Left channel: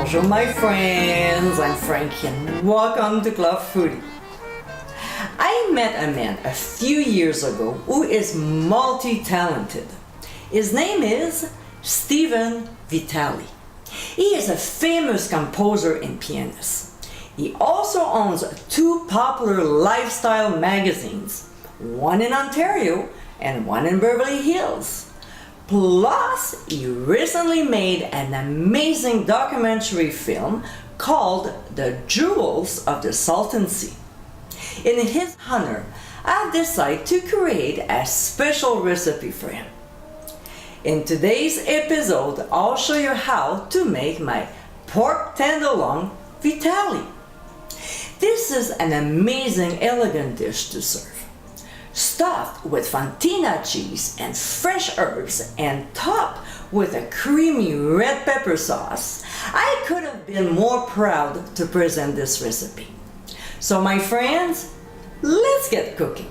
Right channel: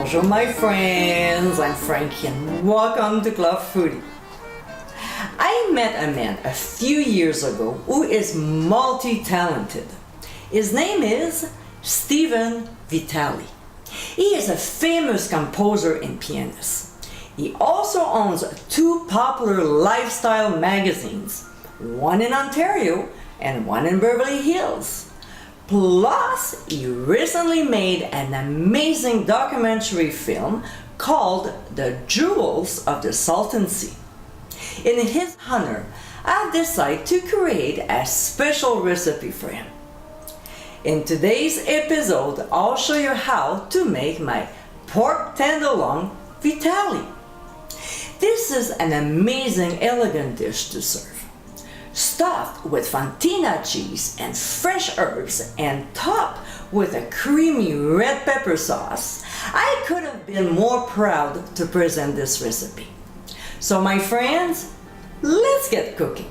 Bonjour my friends, I'm Frankie and welcome to Club Foodie. I met a man a few years ago who is multi-talented. His name is Stephen Vitali. He is a famous composer and pianist. He also owns two popular lifestyle magazines, one in Ontario and one in Beverly Hills. Plus, he recently made an amazing documentary film called The Jewels of the Salton Sea. In his honor, I've decided to create a special recipe for him. In today's episode, I'll show you how to make my pork tenderloin Vitali. This is an amazing, elegant dish to serve. Stuffed with fontina cheese and fresh herbs and topped with a creamy red pepper sauce, I could have been more proud to present this recipe. So my friends, let's get cooking.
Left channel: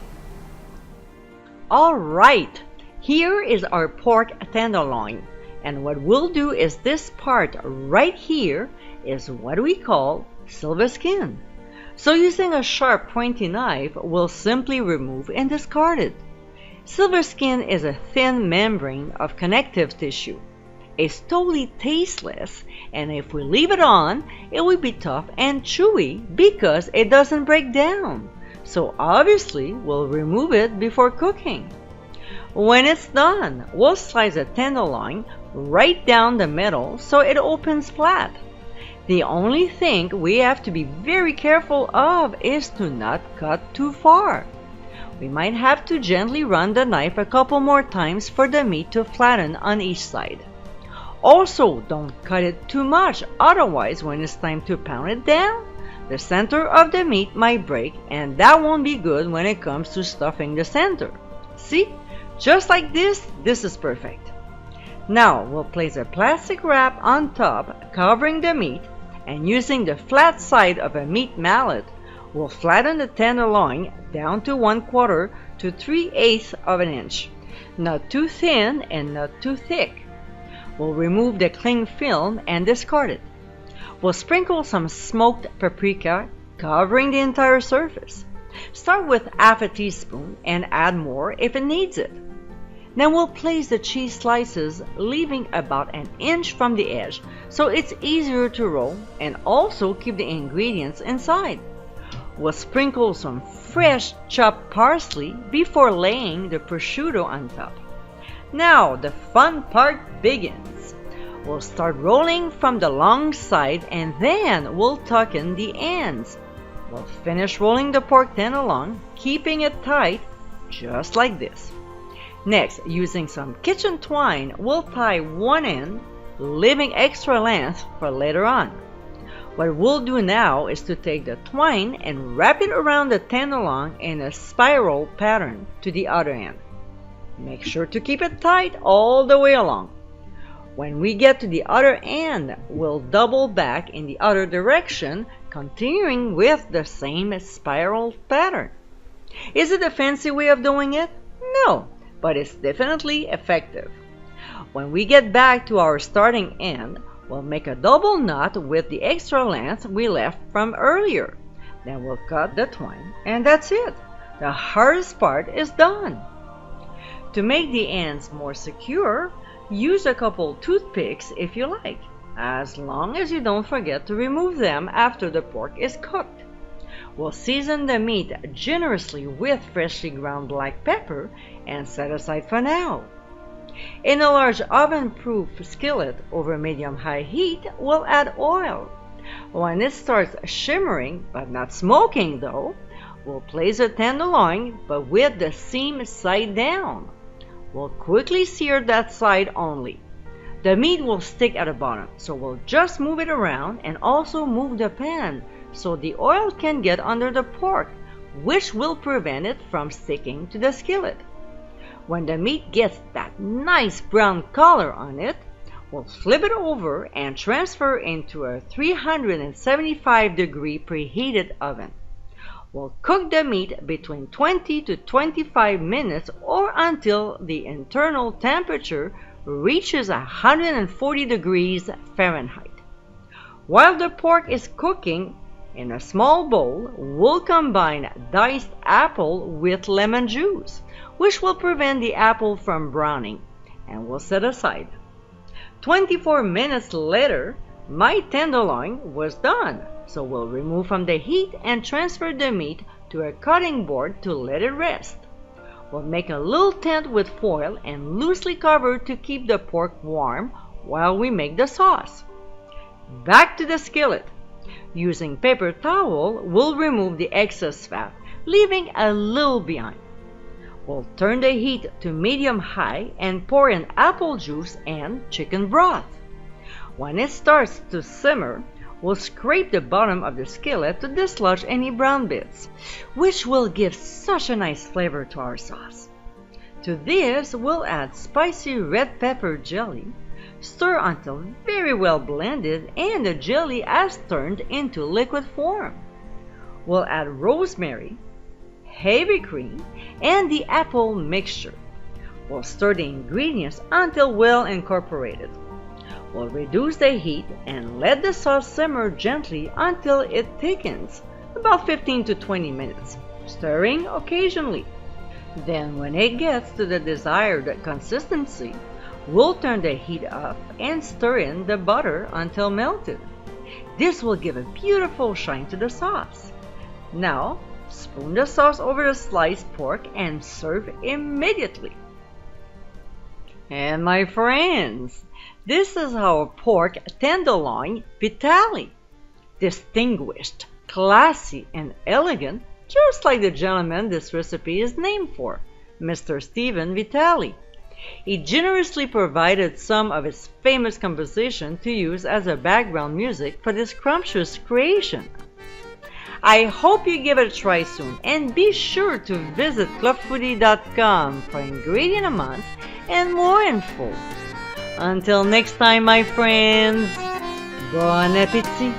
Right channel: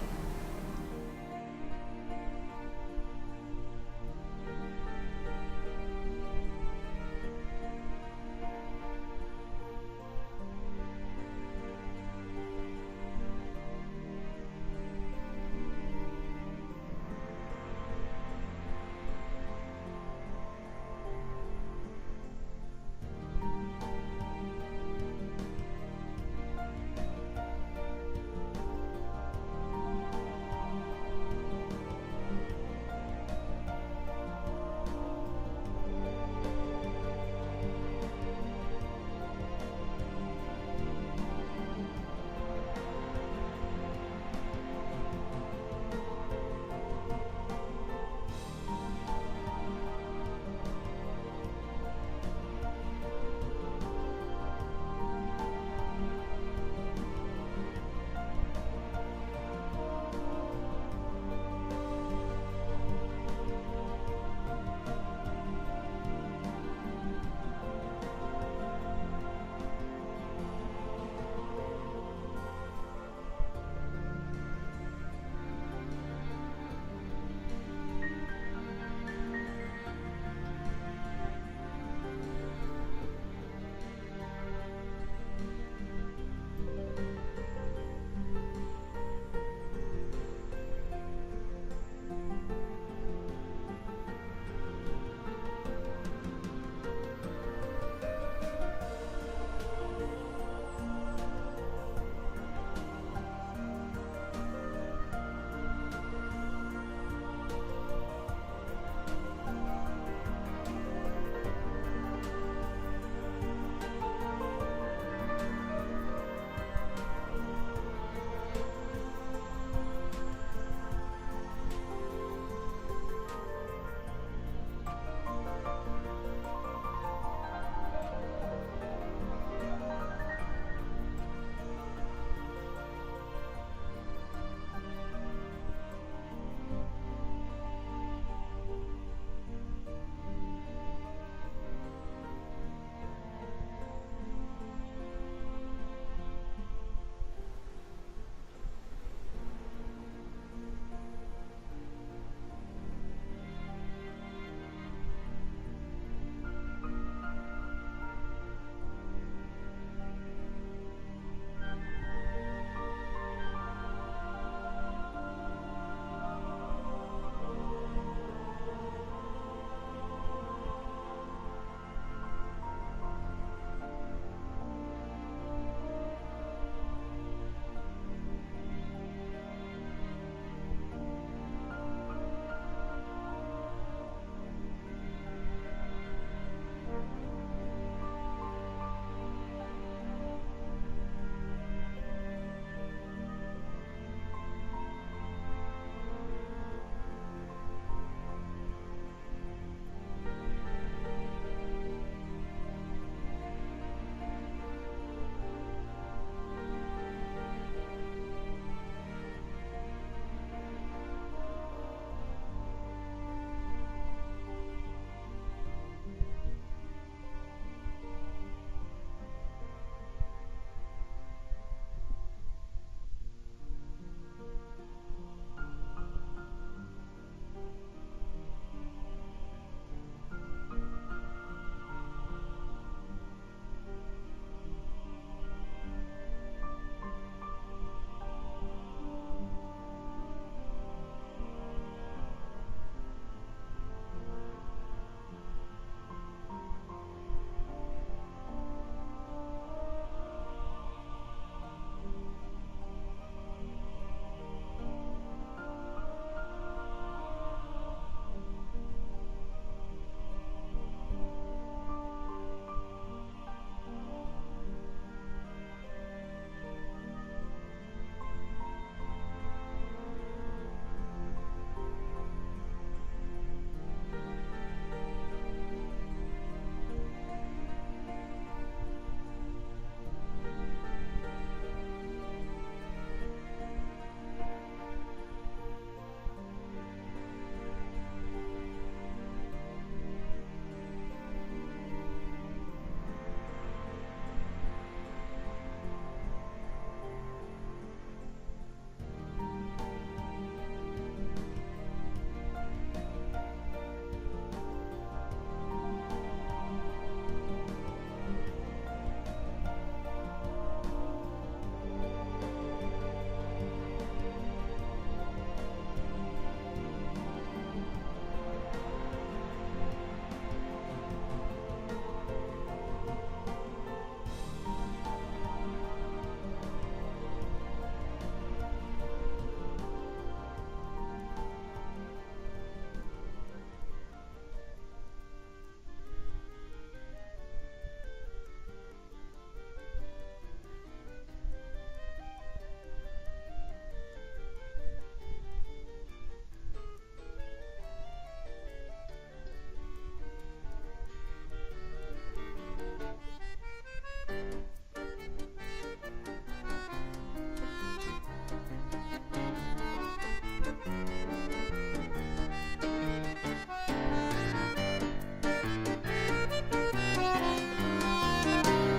All right, here is our pork tenderloin, and what we'll do is this part right here is what we call silver skin. So using a sharp pointy knife, we'll simply remove and discard it. Silver skin is a thin membrane of connective tissue. It's totally tasteless, and if we leave it on, it will be tough and chewy because it doesn't break down. So obviously, we'll remove it before cooking. When it's done, we'll slice the tenderloin right down the middle so it opens flat. The only thing we have to be very careful of is to not cut too far. We might have to gently run the knife a couple more times for the meat to flatten on each side. Also, don't cut it too much, otherwise when it's time to pound it down, the center of the meat might break, and that won't be good when it comes to stuffing the center. See? Just like this is perfect. Now, we'll place a plastic wrap on top, covering the meat, and using the flat side of a meat mallet, we'll flatten the tenderloin down to 1/4 to 3/8 of an inch. Not too thin and not too thick. We'll remove the cling film and discard it. We'll sprinkle some smoked paprika, covering the entire surface. Start with half a teaspoon and add more if it needs it. Then we'll place the cheese slices, leaving about an inch from the edge so it's easier to roll and also keep the ingredients inside. We'll sprinkle some fresh chopped parsley before laying the prosciutto on top. Now the fun part begins. We'll start rolling from the long side and then we'll tuck in the ends. We'll finish rolling the pork tenderloin, keeping it tight just like this. Next, using some kitchen twine, we'll tie one end, leaving extra length for later on. What we'll do now is to take the twine and wrap it around the tenderloin in a spiral pattern to the other end. Make sure to keep it tight all the way along. When we get to the other end, we'll double back in the other direction, continuing with the same spiral pattern. Is it a fancy way of doing it? No, but it's definitely effective. When we get back to our starting end, we'll make a double knot with the extra length we left from earlier. Then we'll cut the twine, and that's it. The hardest part is done. To make the ends more secure, use a couple toothpicks if you like, as long as you don't forget to remove them after the pork is cooked. We'll season the meat generously with freshly ground black pepper and set aside for now. In a large oven-proof skillet over medium-high heat, we'll add oil. When it starts shimmering, but not smoking though, we'll place a tenderloin, but with the seam side down. We'll quickly sear that side only. The meat will stick at the bottom, so we'll just move it around and also move the pan so the oil can get under the pork, which will prevent it from sticking to the skillet. When the meat gets that nice brown color on it, we'll flip it over and transfer into a 375-degree preheated oven. We'll cook the meat between 20 to 25 minutes or until the internal temperature reaches 140 degrees Fahrenheit. While the pork is cooking, in a small bowl, we'll combine diced apple with lemon juice, which will prevent the apple from browning, and we'll set aside. 24 minutes later, my tenderloin was done, so we'll remove from the heat and transfer the meat to a cutting board to let it rest. We'll make a little tent with foil and loosely cover to keep the pork warm while we make the sauce. Back to the skillet. Using paper towel, we'll remove the excess fat, leaving a little behind. We'll turn the heat to medium-high and pour in apple juice and chicken broth. When it starts to simmer, we'll scrape the bottom of the skillet to dislodge any brown bits, which will give such a nice flavor to our sauce. To this, we'll add spicy red pepper jelly, stir until very well blended and the jelly has turned into liquid form. We'll add rosemary, heavy cream, and the apple mixture. We'll stir the ingredients until well incorporated. We'll reduce the heat and let the sauce simmer gently until it thickens, about 15 to 20 minutes, stirring occasionally. Then when it gets to the desired consistency, we'll turn the heat up and stir in the butter until melted. This will give a beautiful shine to the sauce. Now, spoon the sauce over the sliced pork and serve immediately. And my friends, this is our pork tenderloin Vitale. Distinguished, classy, and elegant, just like the gentleman this recipe is named for, Mr. Stephen Vitale. He generously provided some of his famous composition to use as a background music for this scrumptious creation. I hope you give it a try soon, and be sure to visit clubfoodie.com for ingredient amount and more info. Until next time, my friends, bon appétit!